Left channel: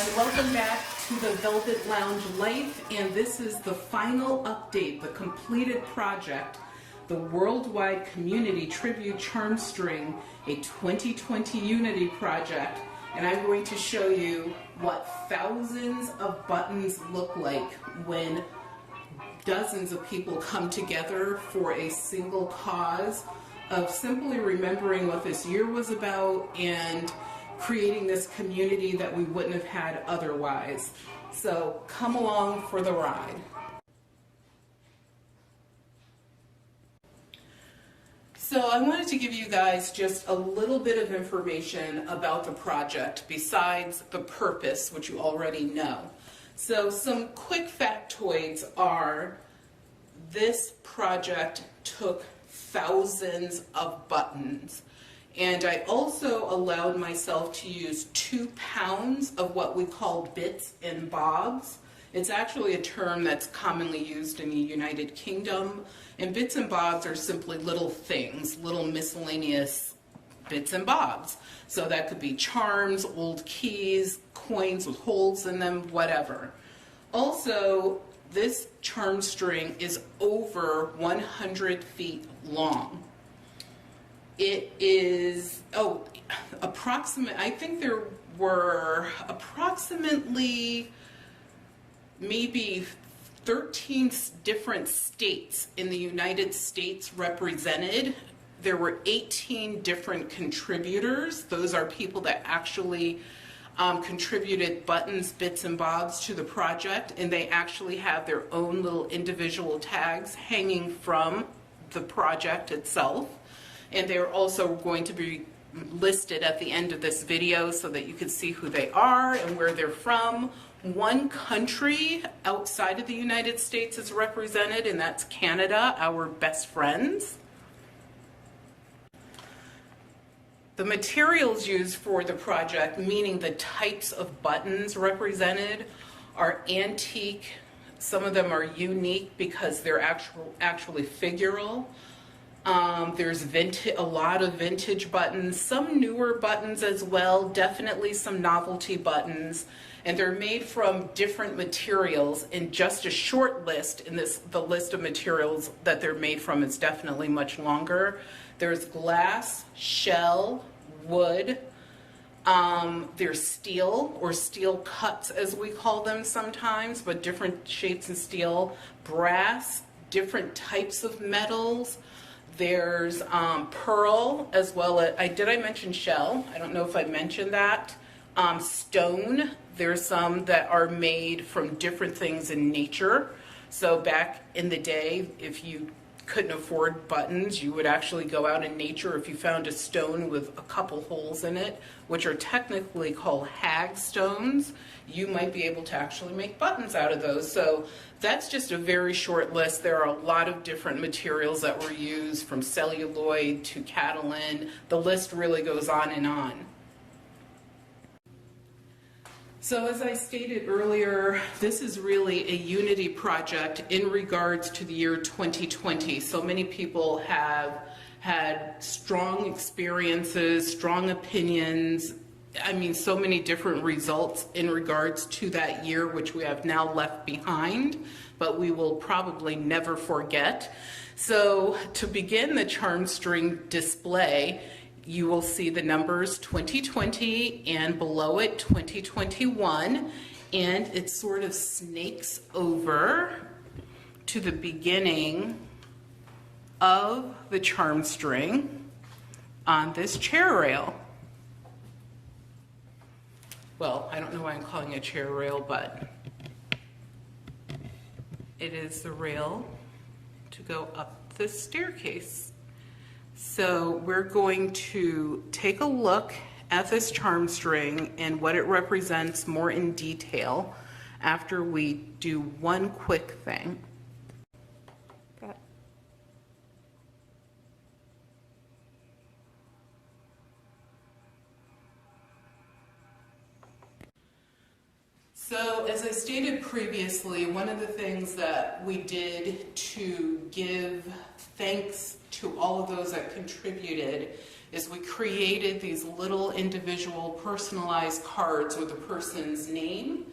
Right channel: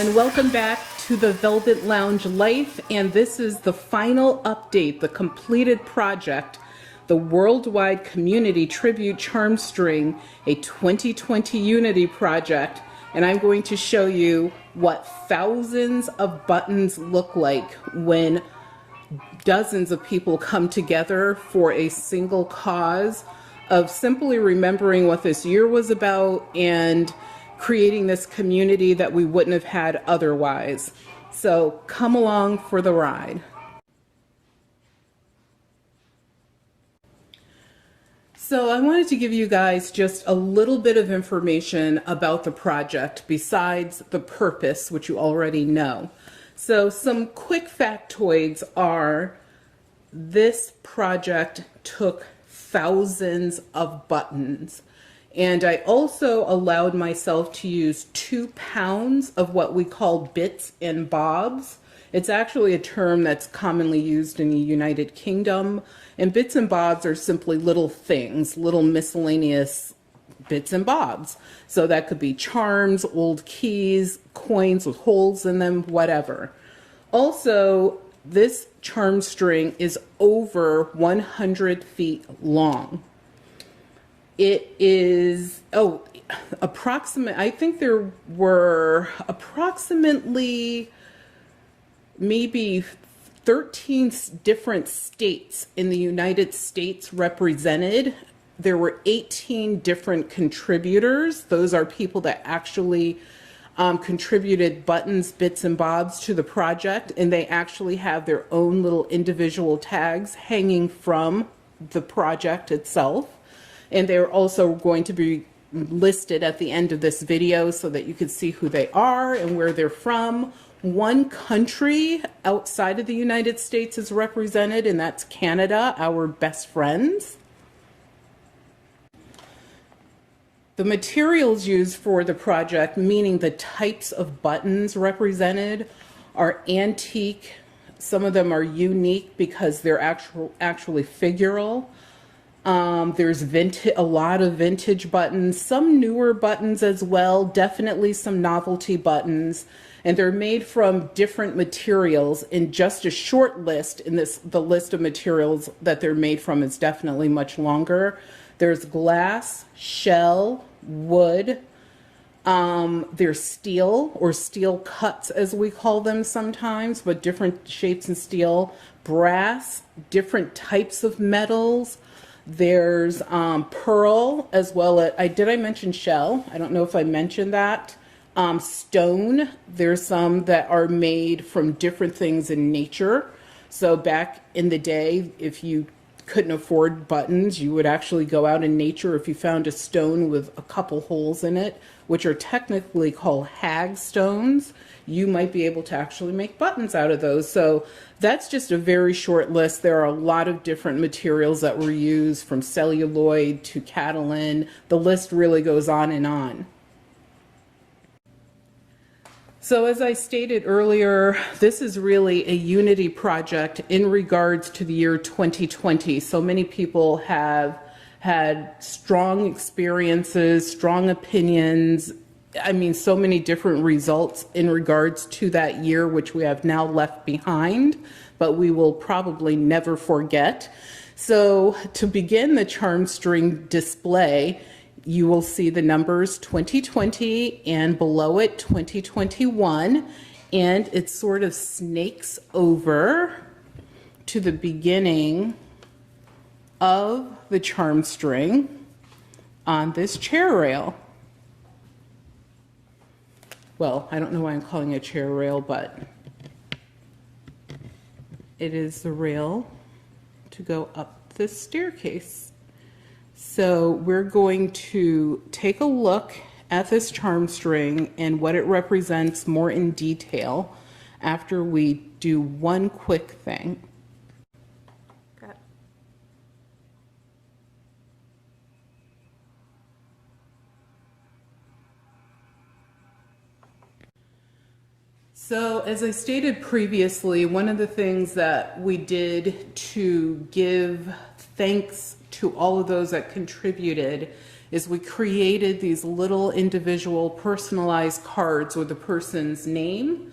everyone. Welcome back to the Velvet Lounge Life, and this is the final update, the completed project, the Worldwide Community Tribute CHARMSTRING, a 2020 Unity project, and I'm going to show you what thousands of buttons look like when dozens of people come together for a single cause of simply remembering what this year was about and creating this community that we wouldn't have had otherwise. So come along for the ride. So I wanted to give you guys just a little bit of information about the project besides the purpose, which you already know. So some quick factoids are this project took thousands of buttons. And I also allowed myself to use 2 pounds of what we call bits and bobs. It's actually a term that's commonly used in the United Kingdom. And bits and bobs are simply little things, little miscellaneous bits and bobs. So that could be charms, old keys, coins with holes in them, whatever. Also, this charm string is over 100 feet long. It is, I think there were approximately maybe 13 different states in the United States represented. There were 18 different contributors. Those are people that actually contributed buttons, bits, and bobs to the project, and they actually have their own little individual tags hanging from the project itself. And they're also going to be listed at the end of this video so that you can see who they are and where they're from. One country outside of the United States is represented, and that's Canada, our best friends. The materials used for the project, meaning the types of buttons represented, are antique. Some of them are unique because they're actually figural. There's a lot of vintage buttons, some newer buttons as well, definitely some novelty buttons, and they're made from different materials. In just a short list, the list of materials that they're made from is definitely much longer. There's glass, shell, wood, there's steel, or steel cuts as we call them sometimes, but different shapes of steel, brass, different types of metals. There's pearl as well as, did I mention shell? I don't know if I mentioned that. Stone, there's some that are made from different things in nature. So back in the day, if you couldn't afford buttons, you would actually go out in nature. If you found a stone with a couple holes in it, which are technically called hag stones, you might be able to actually make buttons out of those. So that's just a very short list. There are a lot of different materials that were used, from celluloid to Catalin. The list really goes on and on. So as I stated earlier, this is really a unity project in regards to the year 2020. So many people have had strong experiences, strong opinions. I mean, so many different results in regards to that year, which we have now left behind, but we will probably never forget. So to begin the charm string display, you will see the numbers 2020 and below it 2021, and it sort of snakes over to the beginning of the charm string on this chair rail. Well, I don't know why I'm calling it a chair rail, but it is the rail to go up this staircase. So we're going to take a look at this charm string and what it represents more in detail after we do one quick thing. Okay. So as I stated previously, one of the things that we did to give thanks to all of those that contributed is we created these little individual personalized cards with the person's name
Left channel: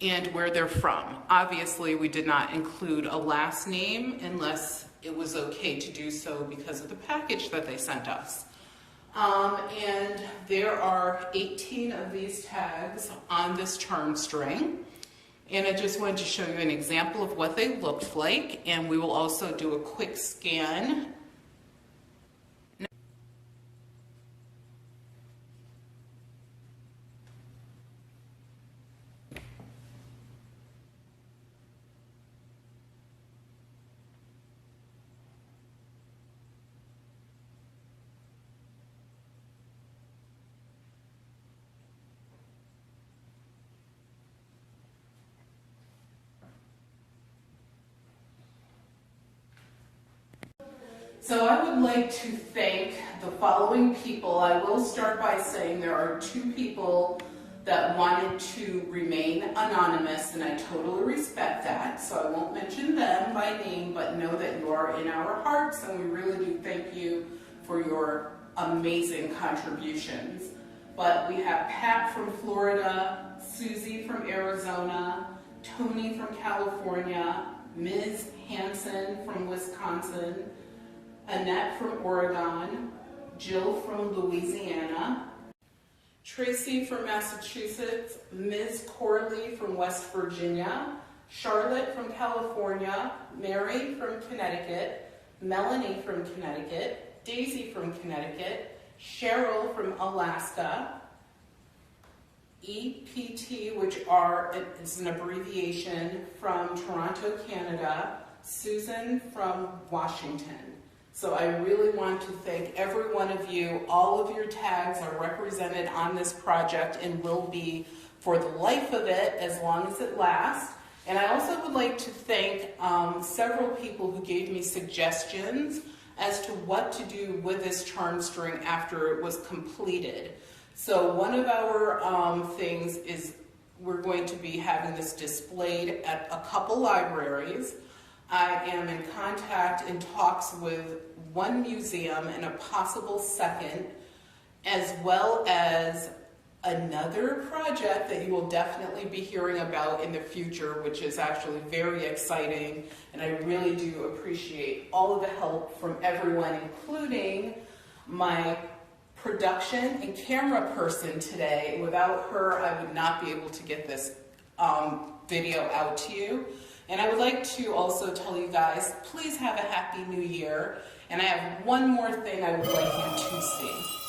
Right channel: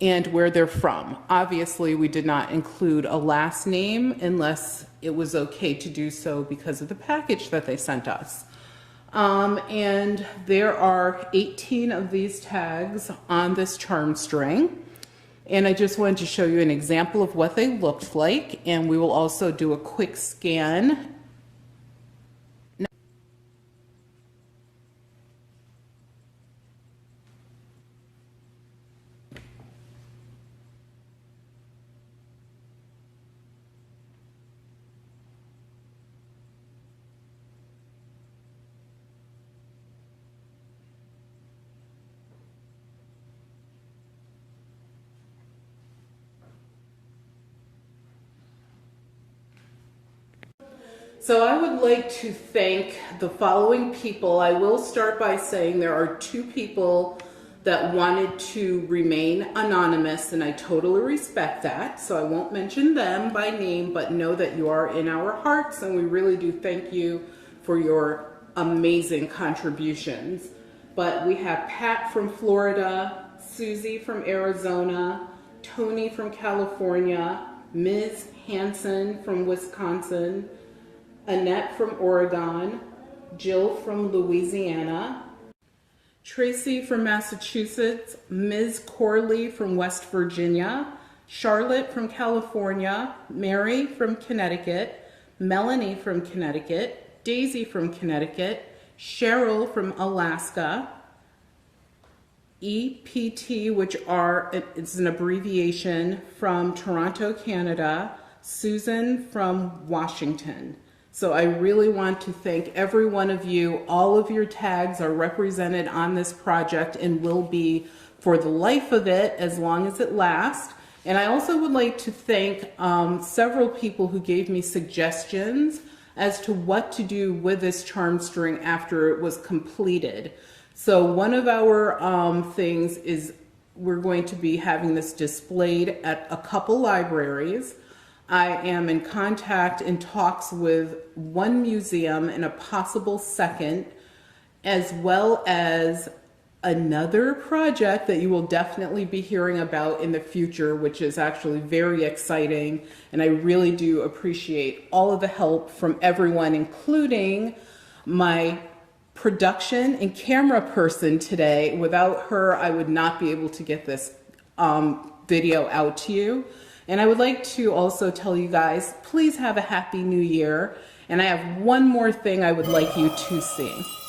and where they're from. Obviously, we did not include a last name unless it was okay to do so because of the package that they sent us. And there are 18 of these tags on this charm string. And I just wanted to show you an example of what they looked like, and we will also do a quick scan. So I would like to thank the following people. I will start by saying there are 2 people that wanted to remain anonymous, and I totally respect that. So I won't mention them by name, but know that you are in our hearts, and we really do thank you for your amazing contributions. But we have Pat from Florida, Suzy from Arizona, Toni from California, Ms. Hanson from Wisconsin, Annette from Oregon, Jill from Louisiana, Tracy from Massachusetts, Ms. Corley from West Virginia, Charlotte from California, Mary from Connecticut, Melanie from Connecticut, Daisy from Connecticut, Cheryl from Alaska, E.P.T, which it's an abbreviation, from Toronto, Canada, Susan from Washington. So I really want to thank every one of you. All of your tags are represented on this project and will be for the life of it as long as it lasts. And I also would like to thank several people who gave me suggestions as to what to do with this charm string after it was completed. So one of our things is we're going to be having this displayed at a couple libraries. I am in contact and talks with one museum and a possible second, as well as another project that you will definitely be hearing about in the future, which is actually very exciting. And I really do appreciate all of the help from everyone, including my production and camera person today. Without her, I would not be able to get this video out to you. And I would like to also tell you guys, please have a happy new year. And I have one more thing I would like you to see.